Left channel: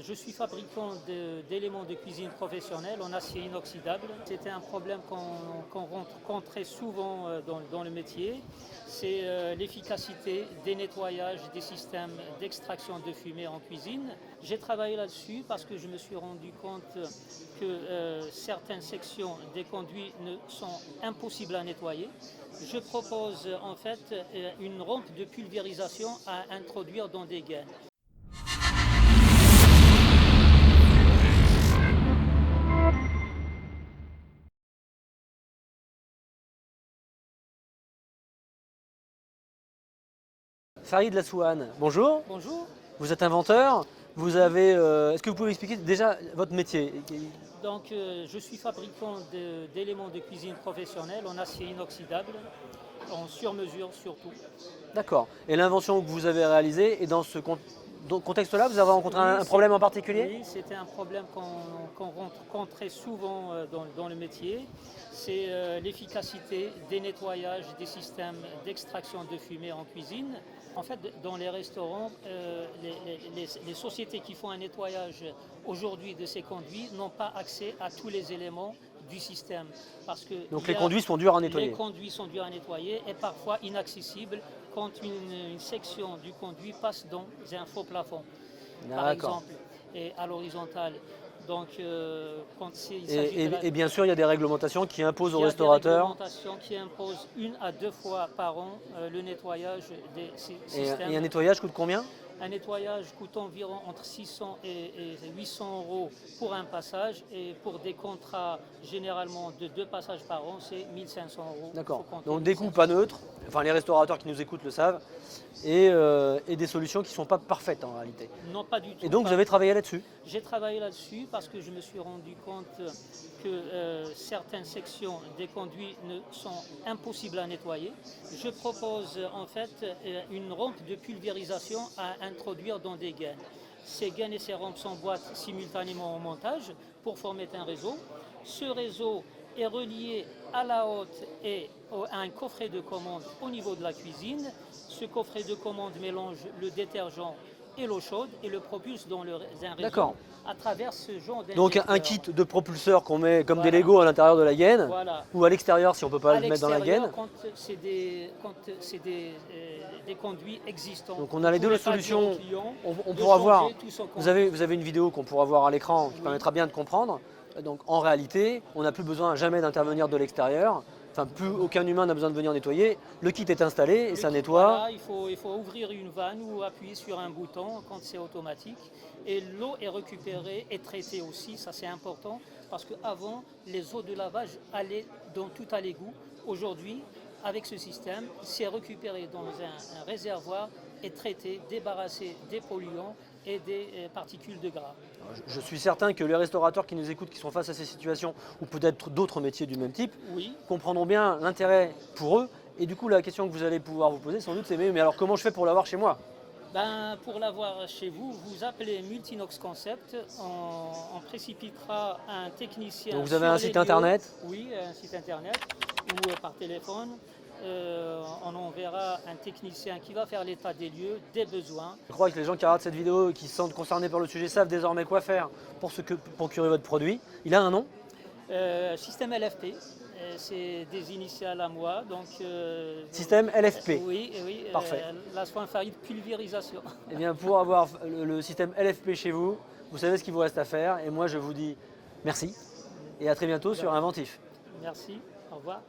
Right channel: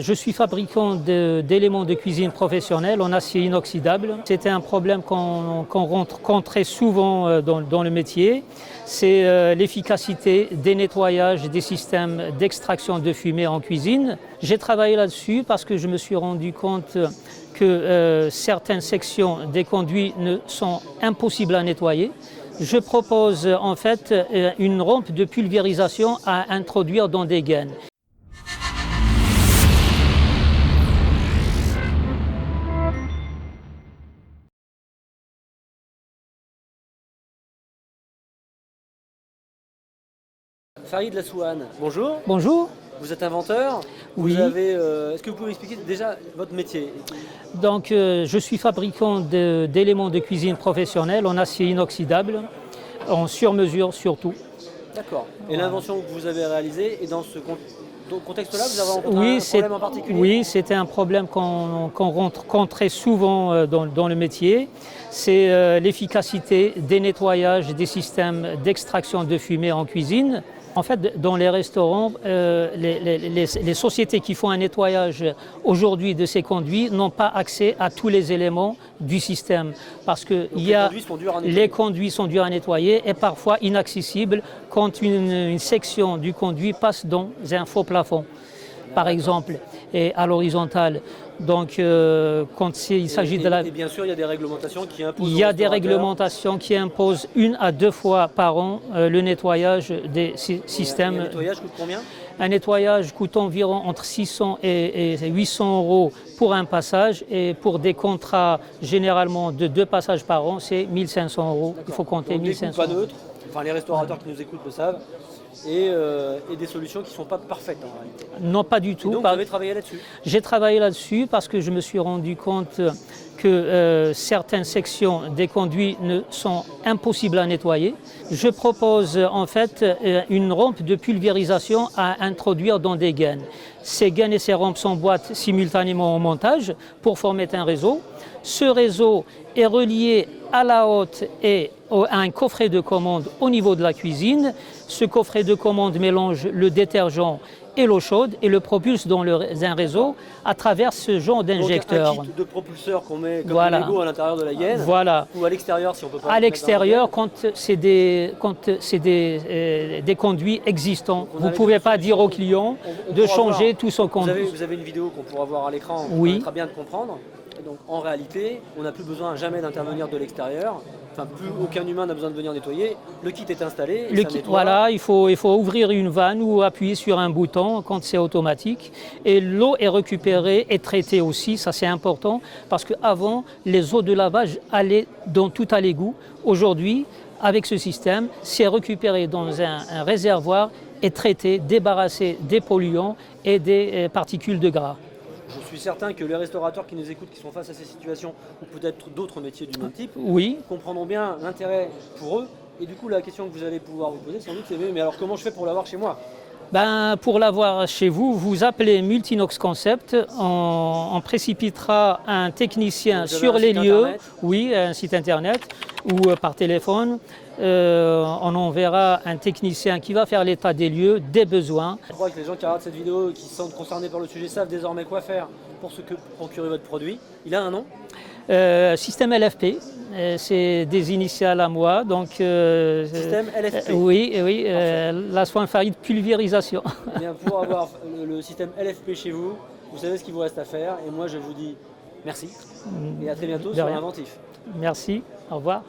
Je suis fabricant d'éléments de cuisine professionnels en acier inoxydable. C'était un problème qu'on rencontre très souvent dans le métier. C'est l'efficacité des nettoyages des systèmes d'extraction de fumée en cuisine. J'ai travaillé là-dessus parce que je me suis rendu compte que certaines sections des conduits sont impossibles à nettoyer. Je propose en fait une rampe de pulvérisation à introduire dans des gaines. Farid Lassouane, bonjour. Bonjour. Vous êtes inventeur. Oui. Est-ce que vous pouvez m'expliquer déjà votre métier? Donc, je suis fabricant d'éléments de cuisine professionnels en acier inoxydable, en sur-mesure surtout. D'accord. Et l'invention que vous avez réalisée, et dans ce contexte-là, vous avez rencontré un problème en particulier? Oui, c'était un problème qu'on rencontre très souvent dans le métier. C'est l'efficacité des nettoyages des systèmes d'extraction de fumée en cuisine. En fait, dans les restaurants, les sociétés qui font un nettoyage aujourd'hui de ces conduits n'ont pas accès à tous les éléments du système. Parce que les conduits sont durs à nettoyer et parfois inaccessibles quand une section du conduit passe dans un faux plafond, par exemple, et à l'horizontale. Donc, quand il s'agit de la... Et bien sûr, il y a des réglementations qui imposent Il y a des réglementations qui imposent 1 à 2 fois par an le nettoyage des systèmes. Et un nettoyage coûte combien? Un nettoyage coûte environ entre 600 et 800 euros pour un passage. Et pour des contrats généralement de 2 passages par an, c'est 1500 euros. Il faut compter 1500 pas neutre. Enfin, les restaurateurs qui nous écoutent le savent. Et des solutions qui ne sont pas parfaites en réalité. Non, pas du tout. Et donc vous avez travaillé là-dessus? J'ai travaillé là-dessus parce que je me suis rendu compte que certaines sections des conduits sont impossibles à nettoyer. Je propose en fait une rampe de pulvérisation à introduire dans des gaines. Ces gaines et ces rampes s'emboîtent simultanément au montage pour former un réseau. Ce réseau est relié à la hotte et à un coffret de commande au niveau de la cuisine. Ce coffret de commande mélange le détergent et l'eau chaude et le propulse dans un réseau à travers ce genre d'injecteur. Donc un kit de propulseur qu'on met comme des Lego à l'intérieur de la gaine, voilà. Ou à l'extérieur si on peut pas à le mettre l'extérieur dans la gaine. quand c'est des conduits existants. Vous ne les pouvez deux pas dire solutions. au client On de pourra changer voir. tout son conduit. Vous avez une vidéo qu'on pourra voir à l'écran, qui Oui. permettra bien de comprendre. Donc en réalité, on n'a plus besoin jamais d'intervenir de l'extérieur. Enfin, plus aucun humain n'a besoin de venir nettoyer. Le kit est installé, ça nettoie. Voilà, il faut ouvrir une vanne ou appuyer sur un bouton quand c'est automatique. Et l'eau est récupérée et traitée aussi, ça c'est important, parce qu'avant, les eaux de lavage allaient dans tout à l'égout. Aujourd'hui, avec ce système, c'est récupéré dans un réservoir et traité, débarrassé des polluants et des particules de gras. Je suis certain que les restaurateurs qui nous écoutent, qui sont face à ces situations, ou peut-être d'autres métiers du même type, oui, comprendront bien l'intérêt pour eux. Et du coup, la question que vous allez pouvoir vous poser, sans doute, c'est mais alors comment je fais pour l'avoir chez moi? Pour l'avoir chez vous, vous appelez Multinox Concept, on précipitera un technicien sur les lieux, internet? Oui, un site internet ou par téléphone. On enverra un technicien qui va faire l'état des lieux, des besoins. Je crois que les gens qui regardent cette vidéo et qui se sentent concernés par le sujet savent désormais quoi faire pour procurer votre produit. Il a un nom? Système LFP, c'est des initiales à moi. Donc, Système LFP. Oui, Lassouane Farid pulvérisation. Eh bien, pour avoir le système LFP chez vous, vous savez ce qu'il vous reste à faire. Et moi, je vous dis merci et à très bientôt sur Inventif. Merci, au revoir.